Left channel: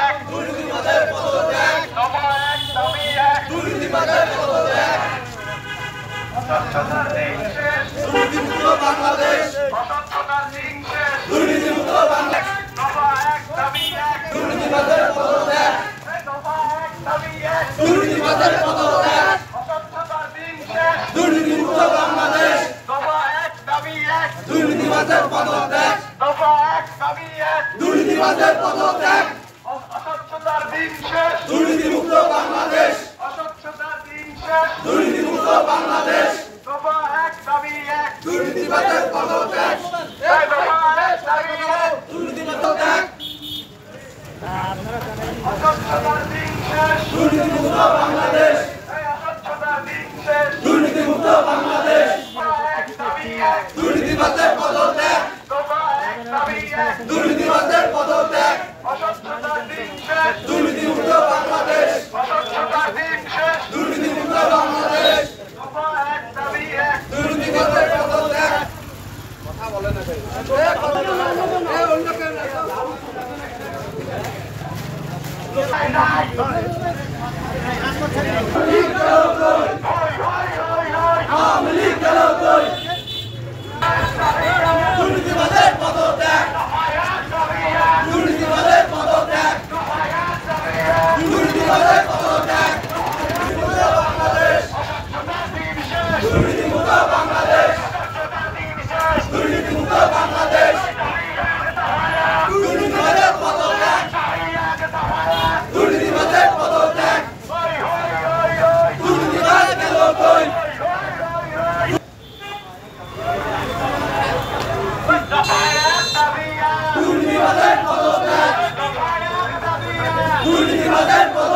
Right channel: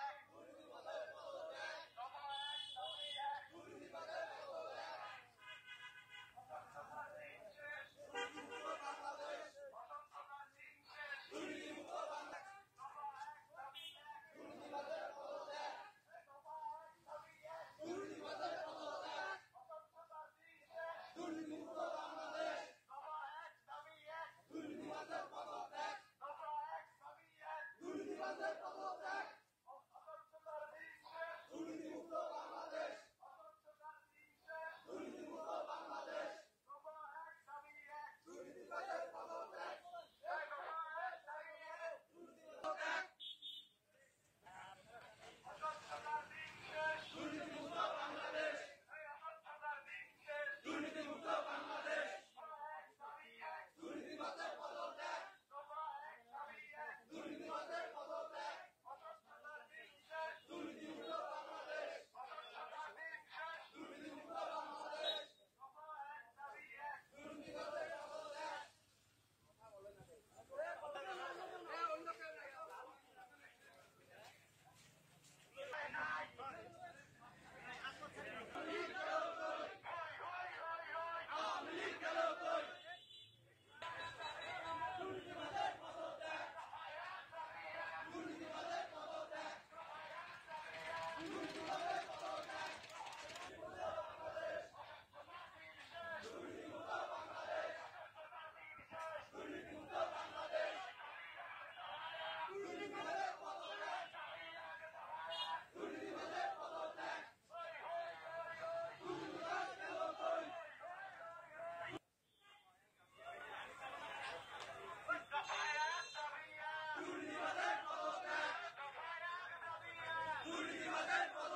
দুর্নীতিবাদের পদত্যাগ, দফা ১ দাবি ১, দুর্নীতিবাদের পদত্যাগ, অস্বচ্ছতার দিন শেষ, দুর্নীতিমুক্ত বাংলাদেশ, অস্বচ্ছতার দিন শেষ, দুর্নীতিমুক্ত বাংলাদেশ, দফা ১ দাবি ১, দুর্নীতিবাদের পদত্যাগ, দফা ১ দাবি ১, দুর্নীতিবাদের পদত্যাগ, অস্বচ্ছতার দিন শেষ, দুর্নীতিমুক্ত বাংলাদেশ, দফা ১ দাবি ১, দুর্নীতিবাদের পদত্যাগ, দফা ১ দাবি ১, দুর্নীতিবাদের পদত্যাগ, অস্বচ্ছতার দিন শেষ, দুর্নীতিমুক্ত বাংলাদেশ, অস্বচ্ছতার দিন শেষ, দুর্নীতিমুক্ত বাংলাদেশ, দফা ১ দাবি ১, দুর্নীতিবাদের পদত্যাগ, দফা ১ দাবি ১, দুর্নীতিবাদের অস্বচ্ছতার দিন শেষ, দুর্নীতিমুক্ত বাংলাদেশ, অস্বচ্ছতার দিন শেষ, দুর্নীতিমুক্ত বাংলাদেশ, দফা ১ দাবি ১, দুর্নীতিবাদের পদত্যাগ, দফা ১ দাবি ১, দুর্নীতিবাদের পদত্যাগ, অস্বচ্ছতার দিন শেষ, দুর্নীতিমুক্ত বাংলাদেশ, অস্বচ্ছতার দিন শেষ, দুর্নীতিমুক্ত বাংলাদেশ, দফা ১ দাবি ১, দুর্নীতিবাদের পদত্যাগ। কথা বলে না ভাই, দুর্নীতিবাদের পদত্যাগ, দুর্নীতিবাদের পদত্যাগ, দুর্নীতিবাদের পদত্যাগ, বাংলাদেশ, দুর্নীতিমুক্ত বাংলাদেশ, দুর্নীতিমুক্ত বাংলাদেশ, দুর্নীতিবাদের পদত্যাগ, দুর্নীতিবাদের পদত্যাগ, দুর্নীতিবাদ গেল কই, দুর্নীতিবাদের পদত্যাগ, দুর্নীতিবাদের পদত্যাগ।